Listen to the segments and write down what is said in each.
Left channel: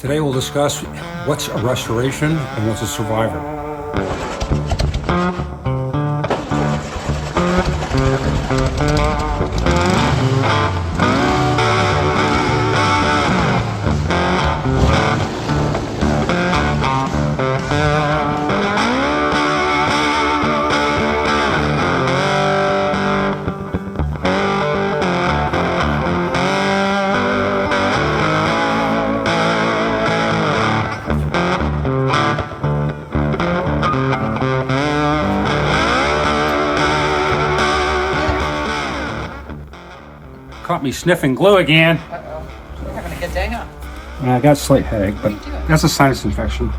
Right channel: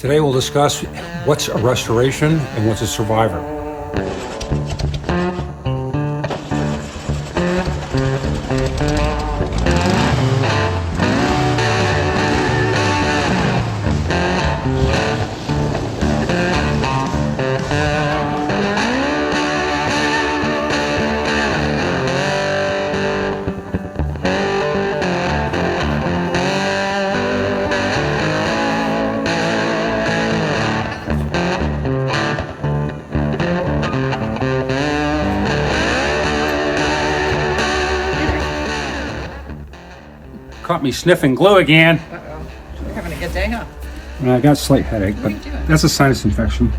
Today we'll discuss what's a restoration and what's a survivor. Caught me sniffing glue again. Uh-oh. You're having a good day, huh? I got a slight headache, but that's a sinus infection.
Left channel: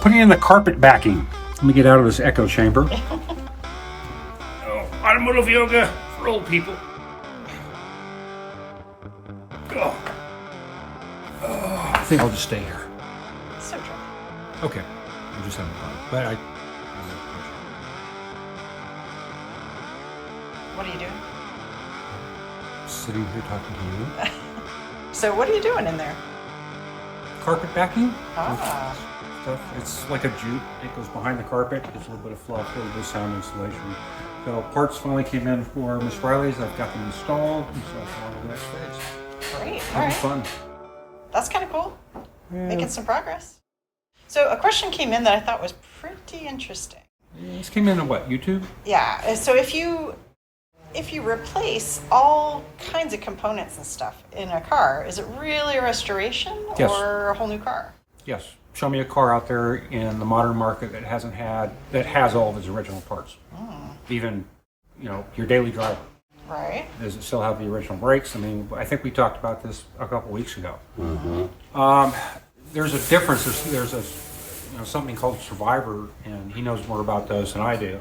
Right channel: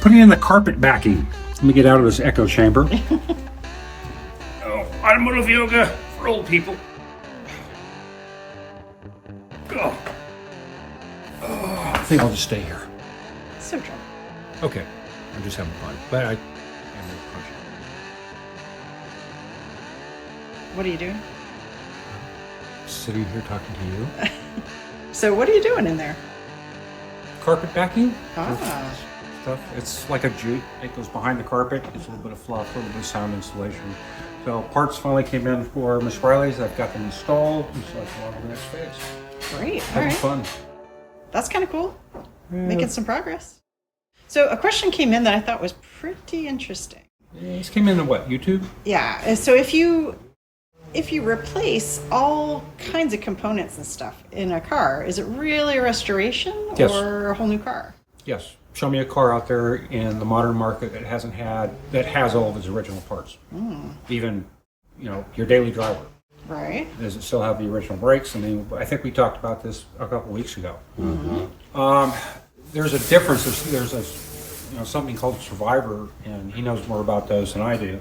Putting in the carpet backing. Let me get out of this echo chamber. Oh, automotive yoga for old people. Oh. I think I'll just stay here. So true. Okay, I'm just having fun, but I'm What are you doing? sitting here talking to you. So what are you doing in there? Carpet backing. Ah. Stuff. It's like a jute. It goes behind the carpet. It's a little bit of fluff, a little bit of sound insulation. So parts finally came in for Miss Riley's. I've got them installed, and so I go on to the next phase. Great. All Having right. fun. That's kind of cool. Yeah. Making some progress. So a question came in that I thought was pretty interesting. Yeah, this came in on what, YouTube? Yeah. So if you replace all kinds of components and stuff in a car, is it really a restoration Yes. or a whole new car? Yes. Show me a car out there in the modern market that has all of its original parts. Even, your daily driver. Right. Does it still have the original brakes? I mean, I think we talked about this a couple weeks ago. There's a difference. There's a something called Survivor, and he knows more about those than I do.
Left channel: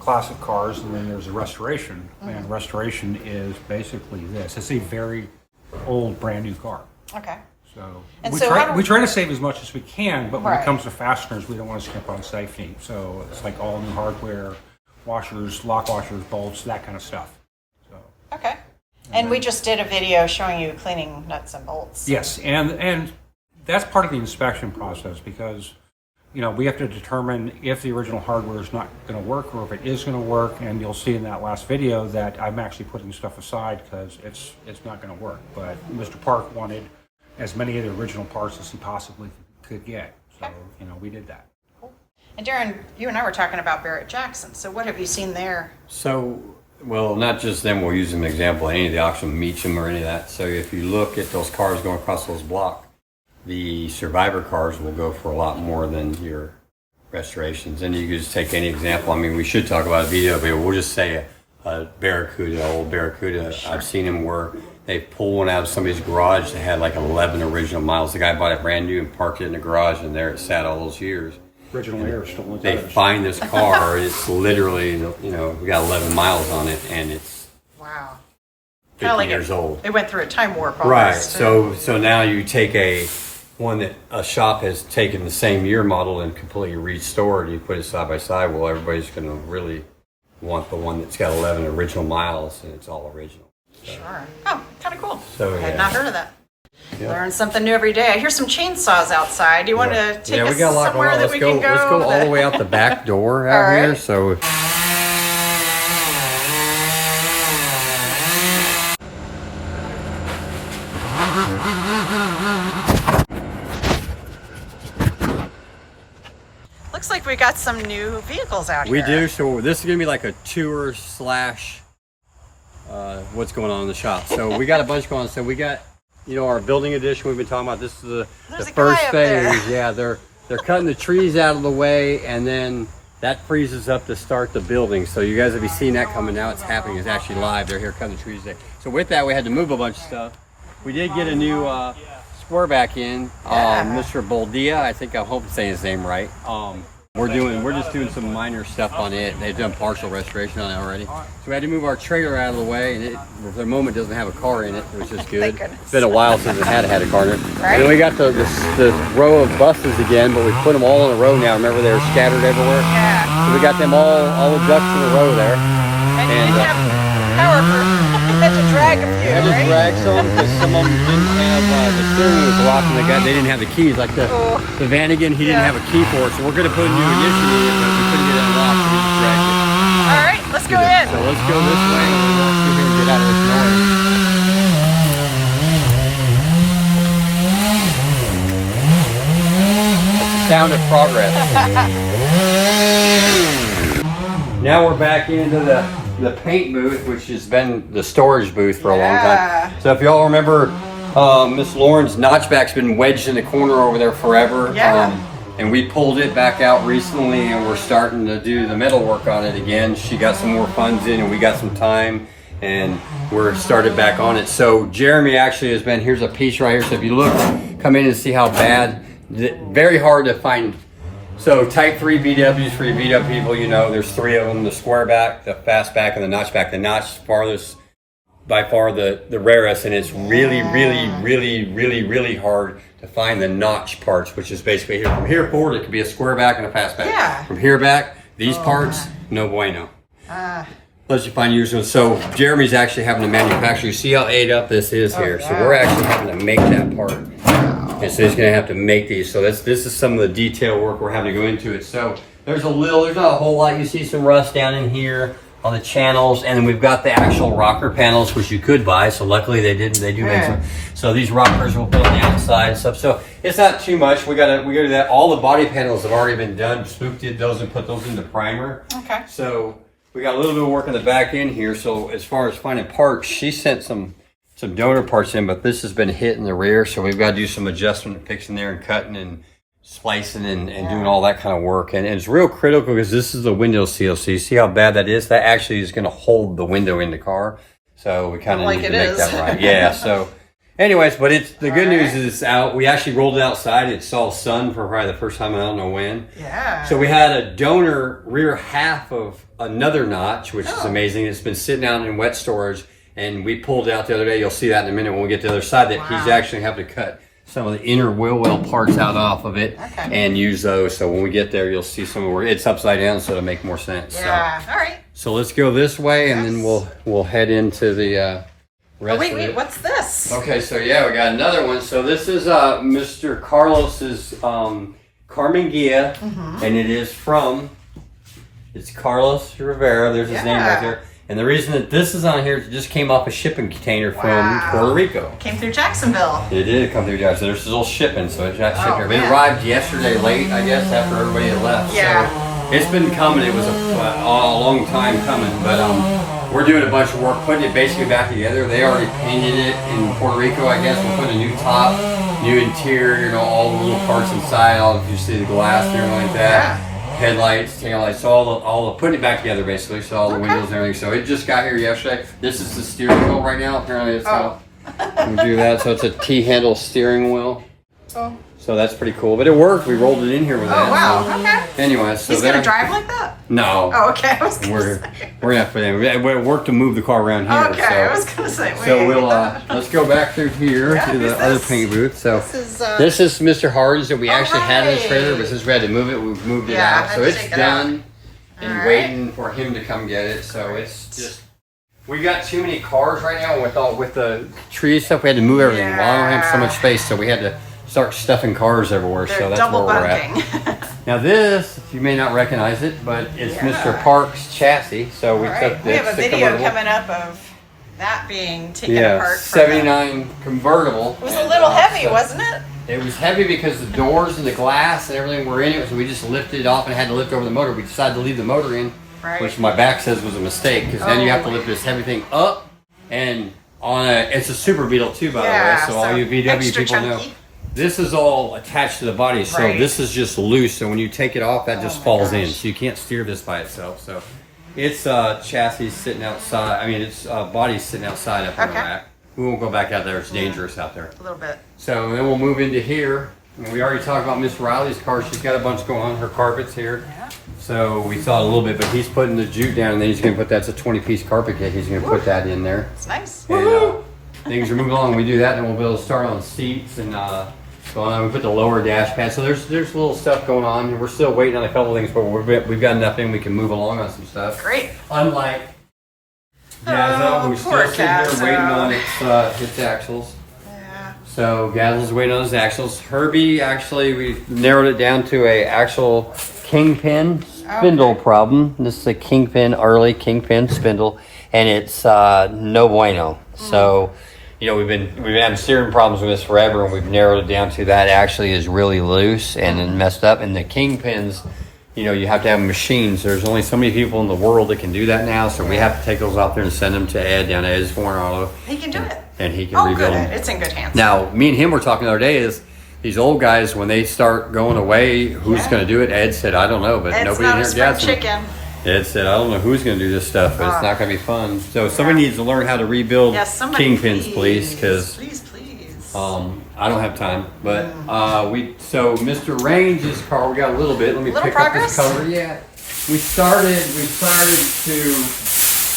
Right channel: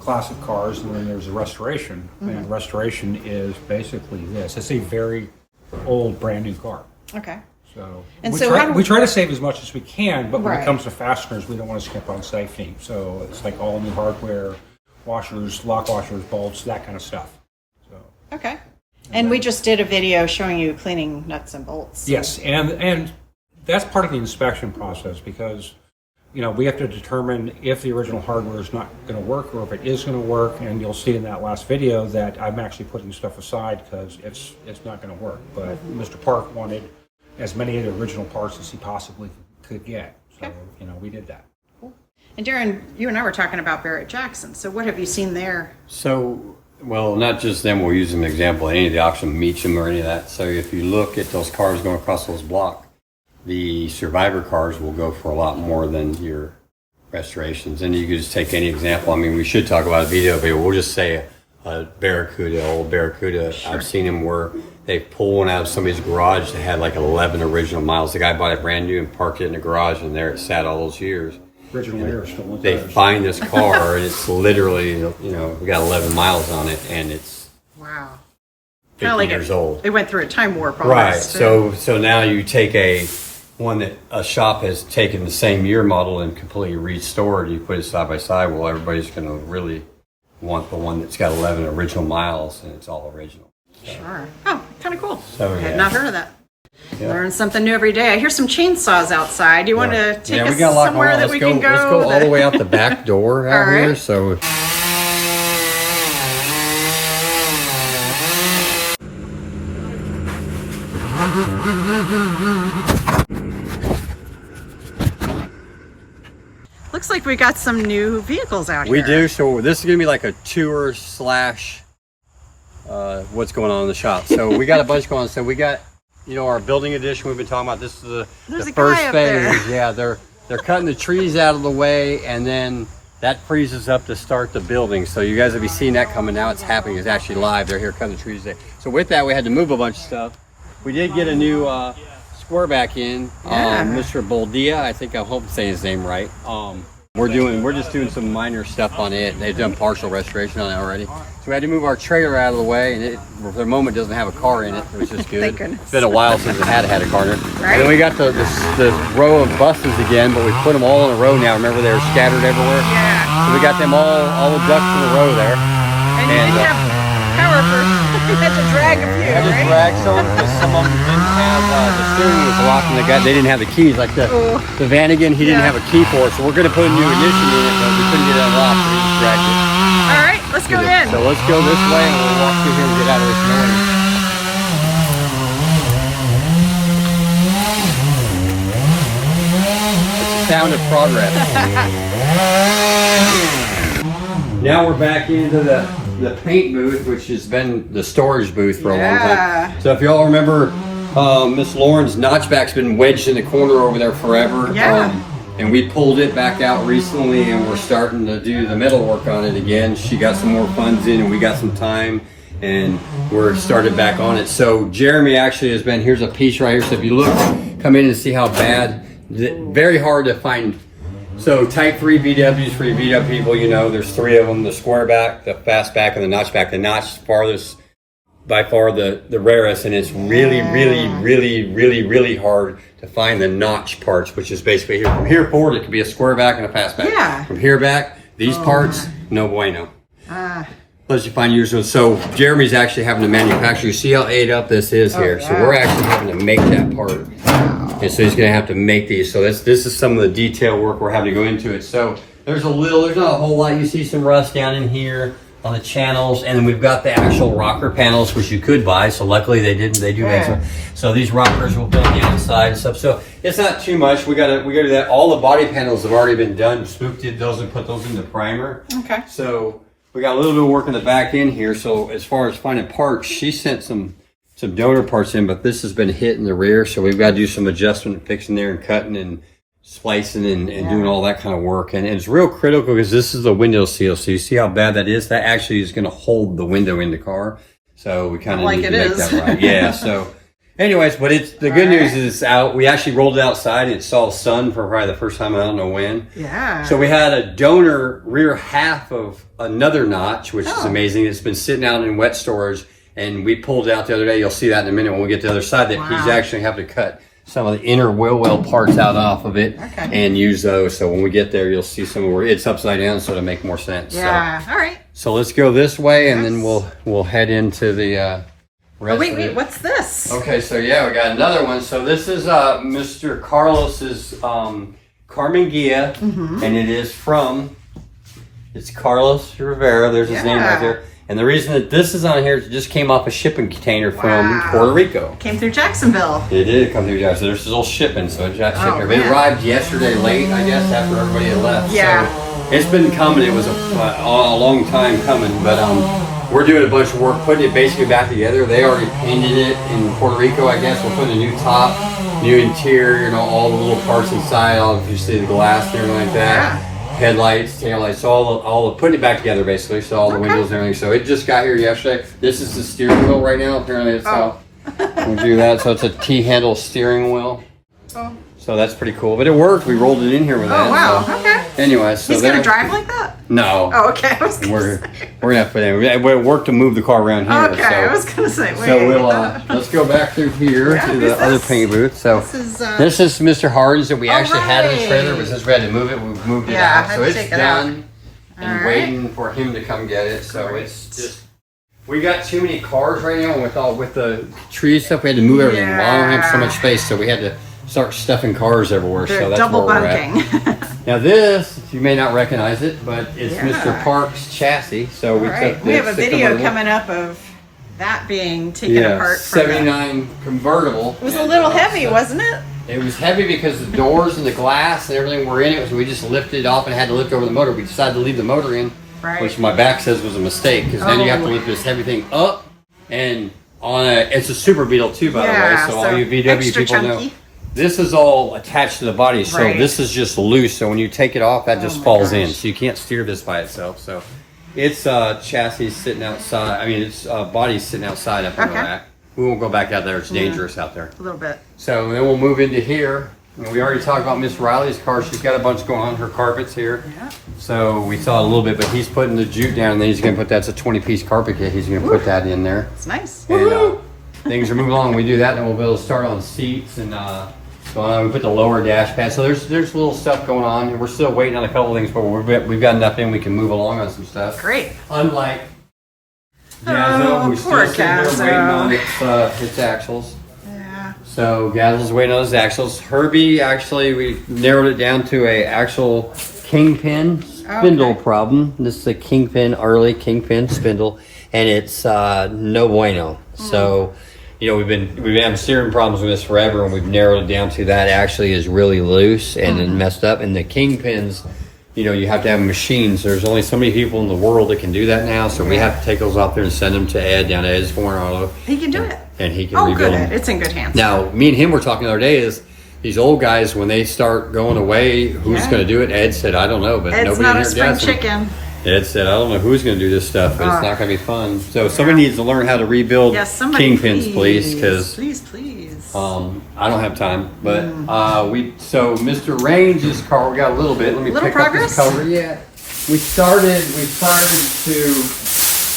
Classic cars, and then there's a restoration. And restoration is basically this. It's a very old, brand new car. Okay. So, And we, so try, how do- we try to save as much as we can, but when Right. it comes to fasteners, we don't want to skimp on safety. So it's like all new hardware, washers, lock washers, bolts, that kind of stuff. So, Okay. And we just did a video showing you cleaning nuts and bolts. yes, and that's part of the inspection process because we have to determine if the original hardware is not going to work or if it is going to work. And you'll see in that last video that I'm actually putting stuff aside because it's not going to work. But Mr. Park wanted as many of the original parts as he possibly could get. So, we did that. And Darren, you and I were talking about Barrett Jackson. So what have you seen there? So, well, not just them, we'll use them as an example, any of the auction Meacham or any of that. So if you look at those cars going across those blocks, the Survivor cars will go for a lot more than your restorations. And you could just take any example. I mean, we should talk about a video, but we'll just say a Barracuda, old Barracuda. I've seen them where they pull one out of somebody's garage that had like 11 original miles. The guy bought it brand new and parked it in the garage, and there it sat all those years. They find this car, and it's literally, we got 11 miles on it, and it's Wow. 50 years old. It went through a time warp. Right. almost. So now you take one that a shop has taken the same year model and completely restored. You put it side by side. Well, everybody's going to really want the one that's got 11 original miles, and it's all original. So, Sure. Oh, kind of cool. So, I had yeah. not heard of that. Yeah. Learn something new every day. I hear some chainsaws outside. You want to take us we got a lot going somewhere on. that Let's we go. can go? Let's go all the way out the back door out All right. here. So. Looks like we got some new vehicles out We here. do. So this is going to be like a tour / what's going on in the shop. So we got a bunch going on. So we got, our building edition we've been talking about. This is There's the a guy first up thing. there. Yeah, they're cutting the trees out of the way, and then that frees us up to start the building. So you guys will be seeing that coming out. It's happening. It's actually live. They're here cutting the trees today. So with that, we had to move a bunch of stuff. We did get a new square back in. Mr. Boldea, I think I hope I'm saying his name right. We're just doing some minor stuff on it. They've done partial restoration on it already. So we had to move our trailer out of the way, and it for the moment doesn't have a car in it, which is good. Thank goodness. It's been a while since it had a car in it. Right. And we got the row of buses again, but we put them all in a row now. Remember they were scattered everywhere? Yeah. So we got them all adjusted in a row there. And you didn't have power for you had to drag a few, right? Drag some because some of them didn't have the steering was locked, and they didn't have the keys. Like the Vanagon, he didn't have a key for it, so we're going to put a new ignition in it, but we couldn't get it unlocked, so we just dragged it. All right, let's go in. So let's go this way, and we'll walk through here and get out of this noise. It's the sound of progress. Now we're back into the paint booth, which has been the storage booth for a long time. So if y'all remember, Miss Lauren's notchback's been wedged in the corner over there forever. And we pulled it back out recently, and we're starting to do the metal work on it again. She got some more funds in, and we got some time, and we're started back on it. So Jeremy actually has been, here's a piece right here. So if you look, come in and see how bad, very hard to find. So type 3 VWs for your VW people, you know, there's 3 of them, the square back, the fast back, and the notch back. The notch farthest, by far the rarest, and it's really, really, really, really, really hard to find the notch parts, which is basically here. From here forward, it could be a square back and a fast back. From here back, these parts, no bueno. Unless you find yours. So Jeremy's actually having to manufacture. You see how ate up this is here. So we're actually having to make that part. And so he's going to have to make these. So this is some of the detail work we're having to go into it. So there's not a whole lot. You see some rust down in here on the channels, and then we've got the actual rocker panels, which you could buy. So luckily they didn't. They do make some. So these rockers will put on the outside and stuff. So it's not too much. We gotta do that. All the body panels have already been done. Spook did those and put those in the primer. Okay. So we got a little bit of work in the back end here. So as far as finding parts, she sent some donor parts in, but this has been hit in the rear. So we've got to do some adjustment and fixing there and cutting and slicing and doing all that kind of work. And it's real critical because this is the window seal. So you see how bad that is? That actually is going to hold the window in the car. So we kind of need to make that right. Yeah. So anyways, but the good news is it's out. We actually rolled it outside and it saw sun for probably the first time I don't know when. Yeah. So we had a donor rear half of another notch, which is amazing. It's been sitting out in wet storage, and we pulled it out the other day. You'll see that in a minute when we get to the other side, that he's actually having to cut some of the inner wheel well parts out off of it and use those. So when we get there, you'll see some more. It's upside down, so it'll make more sense. Yeah. All right. So let's go this way, and then we'll head into the rest wait, of it. what's this? Okay, so yeah, we got another one. So this is Mr. Carlos's Carmen Ghia, and it is from, it's Carlos Rivera. There's his name right there. And the reason that this is on here is it just came off a shipping container from Puerto Rico. Came through Jacksonville. It did come through Jacksonville. So there's all shipping, so it got shipped here. It arrived yesterday late, I guess, after everybody had left. Yeah. So it's been coming. It was a long time coming, but we're doing a bunch of work putting it basically back together. They already painted it in Puerto Rico, I guess. We're putting a new top, new interior, you know, all the little parts inside. You see the glass and everything like that. Headlights, taillights, all the putting it back together basically. So all the windows and everything. So it just got here yesterday. This is the steering wheel right now. Apparently it's how we do that. So it's a T-handle steering wheel. So that's pretty cool. But it worked. We rolled it in here with that. Wow. So. Okay. Anyway, so he's gonna drive like that? No. Oh, okay. We're gonna have to put in. We work to move the car around here. Okay, so, I was gonna say. Wait. So we'll let's go back through here to the other paint booth. So this is Mr. Hardin's that we actually had in the trailer, but since we had to move it, we moved it out. So it's done and waiting for him to come get it. So it's just, we got too many cars right now with the tree stuff. We had to move everything. Well, I don't have so much space, so we had to start stuffing cars everywhere. So that's where we're at. Now this, you may not recognize it, but it's Mr. Park's chassis. So we took this. We have a video coming up of that being taken apart. 79 convertible. It was a little heavy, wasn't it? It was heavy because the doors and the glass and everything were in it, so we just lifted it off and had to lift over the motor. We decided to leave the motor in, which my back says was a mistake, because then you have to lift this heavy thing up, and it's a Super Beetle too, by the way, so all you VW people know. This is all attached to the body, so this is just loose. So when you take it off, that just falls in. So you can't steer this by itself. So it's chassis sitting outside. I mean, it's body sitting outside up on the rack. We won't go back out there. It's dangerous out there. A little bit. So then we'll move into here. And we already talked about Miss Riley's car. She's got a bunch going on. Her carpet's here. Yeah. So we saw a little bit, but he's putting the jute down, and then he's going to put that's a 20-piece carpet kit. He's going to put that in there. It's nice. And things are moving along. We do that, then we'll be able to start on seats and going on. We put the lower dash pad. So there's little stuff going on. We're still waiting on a couple of things, but we've got enough in. We can move along on some stuff. Great. Unlike Gazzo, who's still sitting there waiting on its axles. Yeah. So Gazzo's waiting on his axles. Herbie, actually, we narrowed it down to a actual kingpin spindle problem. This is a kingpin, early kingpin spindle, and it's no bueno. So, you know, we've been having steering problems with this forever, and we've narrowed it down to that actually is really loose and then messed up. And the kingpins, you know, you have to have machines. There's only so many people in the world that can do that now, so we have to take those out there and send them to Ed down at Ed's Foreign Auto. He can do it. And he can rebuild them. It's in good hands. Now, me and him were talking the other day is these old guys, when they start going away, who's going to do it? Ed said, I don't know, but Ed's nobody not in a here spring gets chicken. Ed said, I don't know who's going to do this stuff, but it's not going to be fun. So somebody needs to learn how to rebuild kingpins, please, because please. I don't have time. But so Mr. Range's car, we got a little bit. Let me pick up this color. Yeah, we started to.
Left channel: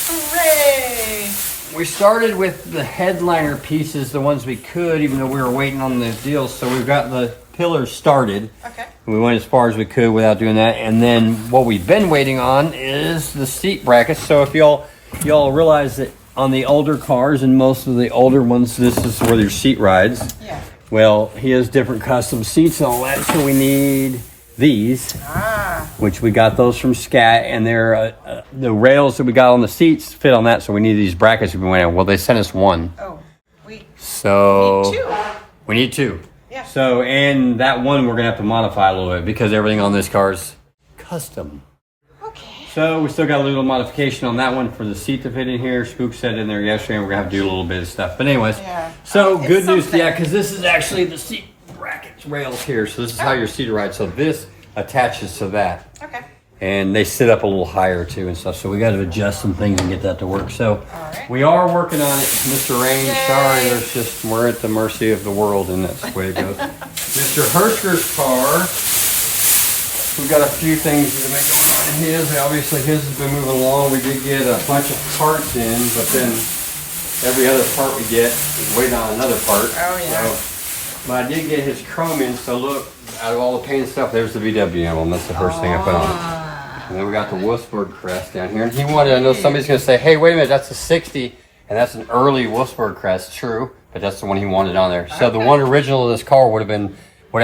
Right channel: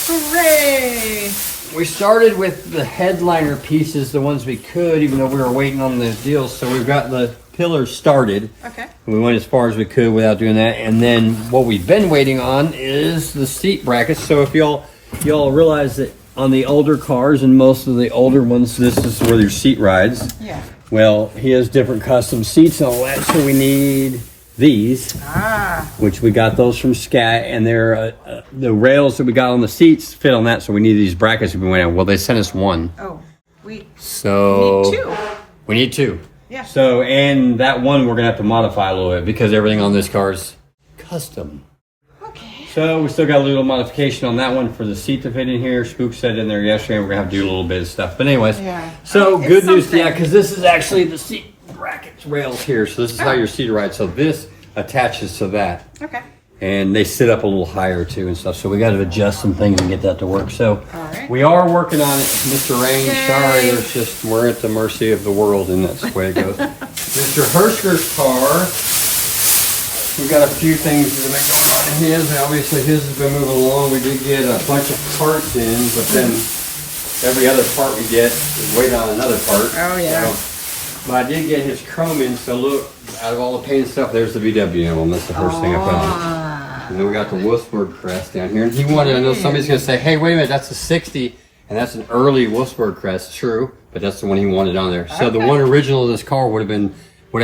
Hooray! We started with the headliner pieces, the ones we could, even though we were waiting on the deals. So we've got the pillars started. Okay. We went as far as we could without doing that. And then what we've been waiting on is the seat brackets. So if y'all realize that on the older cars and most of the older ones, this is where your seat rides. Yeah. Well, he has different custom seats and all that. So we need these, which we got those from Scat, and they're the rails that we got on the seats fit on that, so we need these brackets we've been waiting on. Well, they sent us one. Oh, we need two. We need two. Yeah. So, and that one we're gonna have to modify a little bit because everything on this car is custom. Okay. So we still got a little modification on that one for the seat to fit in here. Spook said in there yesterday, and we're gonna have to do a little bit of stuff. But anyways, so good news, yeah, because this is actually the seat brackets rails here. So this is how your seat rides. So this attaches to that. Okay. And they sit up a little higher too and stuff. So we got to adjust some things and get that to work. So we are working on it, Mr. Range. Yay. Sorry, we're at the mercy of the world, and that's the way it goes. Mr. Hersker's car, we got a few things that have been going on in his. Obviously, his has been moving along. We did get a bunch of parts in, but then every other part we get is waiting on another part. Oh yeah. So, but I did get his chrome in, so look, out of all the paint stuff, there's the VW emblem. That's the first thing I put on. And then we got the Wolfsburg crest down here. And he wanted, I know somebody's going to say, hey, wait a minute, that's a 60, and that's an early Wolfsburg crest. True, but that's the one he wanted on there. So the one original of this car would have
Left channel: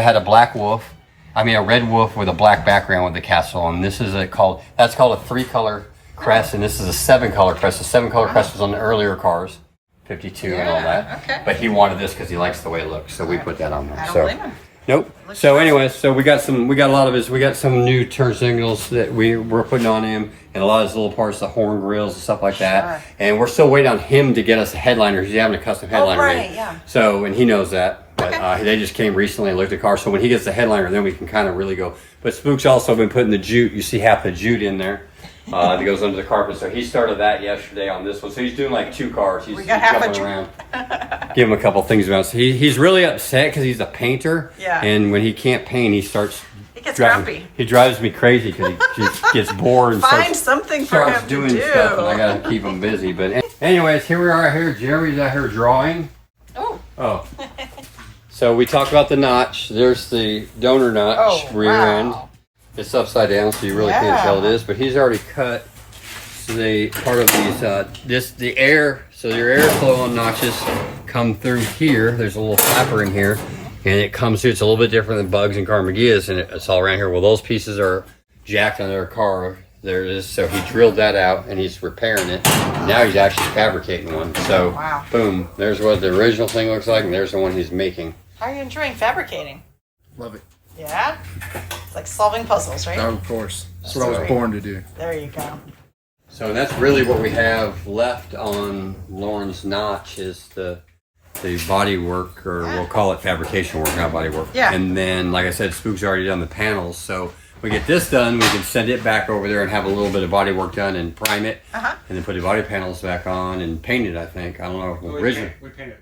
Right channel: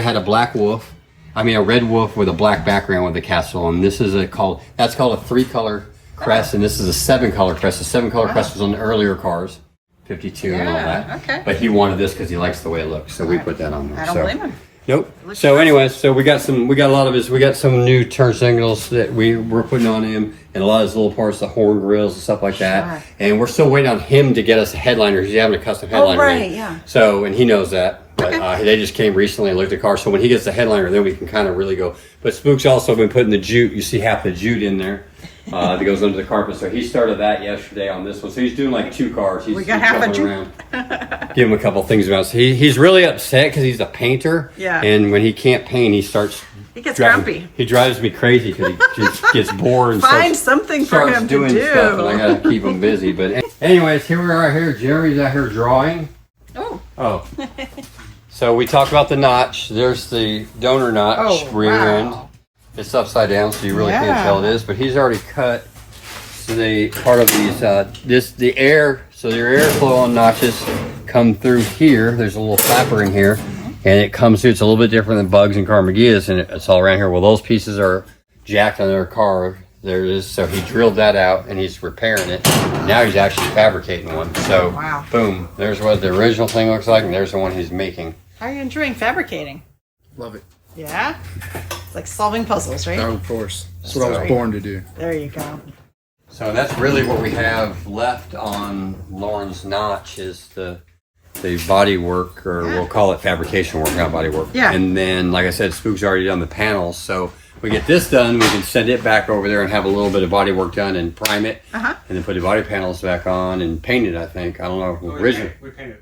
had a black wolf. I mean, a red wolf with a black background with the castle. And this is that's called a 3-color crest, and this is a 7-color crest. The 7-color crest was on the earlier cars. 52 and all that. Okay. But he wanted this because he likes the way it looks, so we put that on there. I don't blame him. Nope. So anyway, so we got some new turn signals that we're putting on him, and a lot of his little parts, the horn grills and stuff like that. And we're still waiting on him to get us a headliner. He's having a custom headliner. Yeah. So, and he knows that. But they just came recently and looked at the car. So when he gets the headliner, then we can kind of really go. But Spook's also been putting the jute. You see half the jute in there. That goes under the carpet. So he started that yesterday on this one. So he's doing like 2 cars. He's jumping around. Give him a couple things about it. So he's really upset because he's a painter. Yeah. And when he can't paint, he gets grumpy. He drives me crazy because he just gets bored and starts doing stuff, and I got to keep him busy. But anyways, here we are here. Jeremy's out here drawing. Oh. So we talked about the notch. There's the donor notch rear end. It's upside down, so you really can't tell it is. But he's already cut. So part of these, the airflow on notches come through here. There's a little flapper in here, and it comes through. It's a little bit different than Bugs and Carmaghia's, and it's all around here. Well, those pieces are jacked on their car. There it is. So he drilled that out, and he's repairing it. Now he's actually fabricating one. So, boom. There's what the original thing looks like, and there's the one he's making. How are you enjoying fabricating? Love it. Yeah? It's like solving puzzles, right? Oh, of course. That's what I was born to do. There you go. So that's really what we have left on Lauren's notch is the body work, or we'll call it fabrication work, not body work. Yeah. And then, like I said, Spook's already done the panels. So we get this done, we can send it back over there and have a little bit of body work done and prime it, and then put the body panels back on and paint it, I think. I don't know. Originally. We painted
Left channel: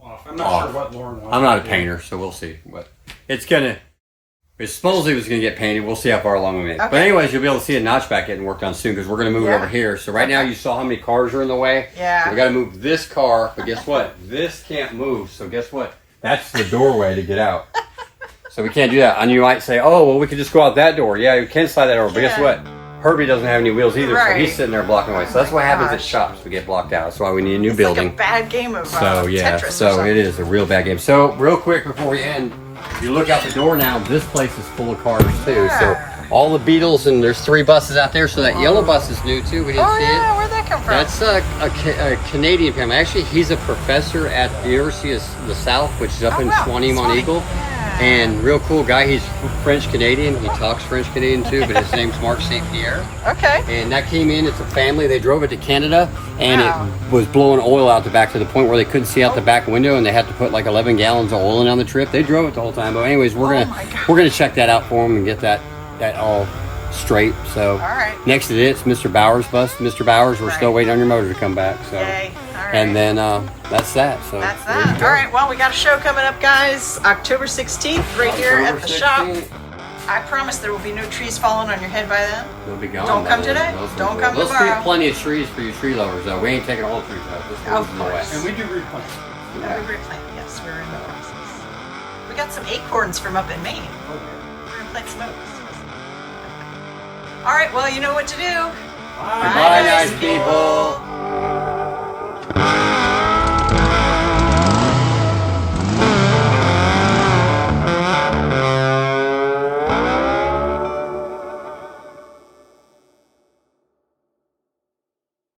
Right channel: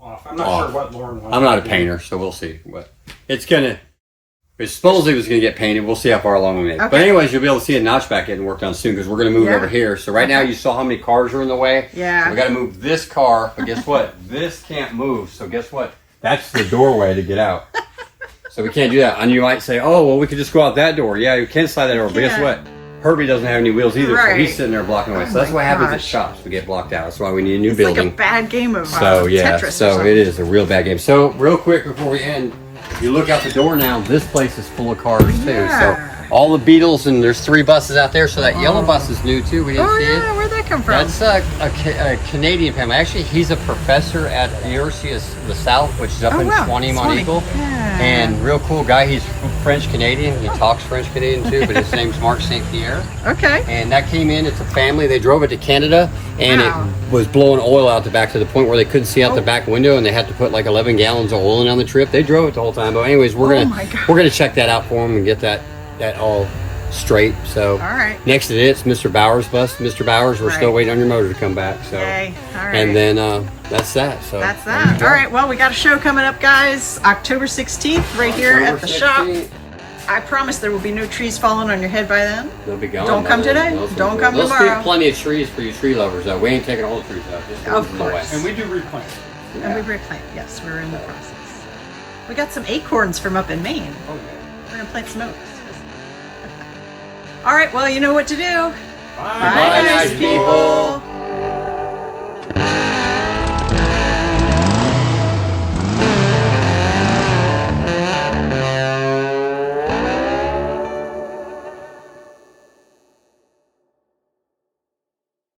off. I'm not sure what Lauren wanted. I'm not a painter, so we'll see. But it's gonna. It supposedly was going to get painted. We'll see how far along we make. But anyways, you'll be able to see a notch back getting worked on soon because we're going to move it over here. So right now you saw how many cars are in the way. Yeah. We got to move this car, but guess what? This can't move. So guess what? That's the doorway to get out. So we can't do that. And you might say, oh, well, we could just go out that door. Yeah, you can slide that over. But guess what? Herbie doesn't have any wheels either, so Right. he's sitting there blocking away. So that's my what happens at gosh. shops. We get blocked out. That's why we need a new It's building. like a bad game of So yeah, Tetris or so something. it is a real bad game. So real quick before we end, if you look out the door now, this place is full of cars too. Yeah. So all the Beetles, and there's 3 buses out there. So that yellow bus is new too. We didn't Oh see yeah, it. where'd that come from? That's a Canadian family. Actually, he's a professor at the University of the South, which is up Oh, in wow. 20 Mont Funny. Eagle. Yeah. And real cool guy. He's French Canadian. He talks French Canadian too, but his name's Mark St. Pierre. Okay. And that came in, it's a family. They drove it to Canada, and Wow. it was blowing oil out the back to the point where they couldn't see out the back window, and they had to put like 11 gallons of oil in on the trip. They drove it the whole time. But anyways, Oh my God. we're gonna check that out for them and get that all straight. So All right. next to it, it's Mr. Bauer's bus. Mr. Bauer's, we're still Right. waiting on your motor to come back. So, Yay. All right. and then that's that. So That's there you that. go. All right. Well, we got a show coming up, guys. October 16th, right here at the shop. 16th. I promise there will be no trees falling on your head by then. They'll be gone. Don't by come then. today. Those Don't ones come will. tomorrow. There's plenty of trees for you tree lovers, though. We ain't taking all the trees out. Just Of in the way. course. And we do replant. And we replant. Yes, we're in the process. We got some acorns from up in Maine. Oh, yeah. We're gonna plant some oaks. All right. Well, you know what to do. Bye. Bye, nice people.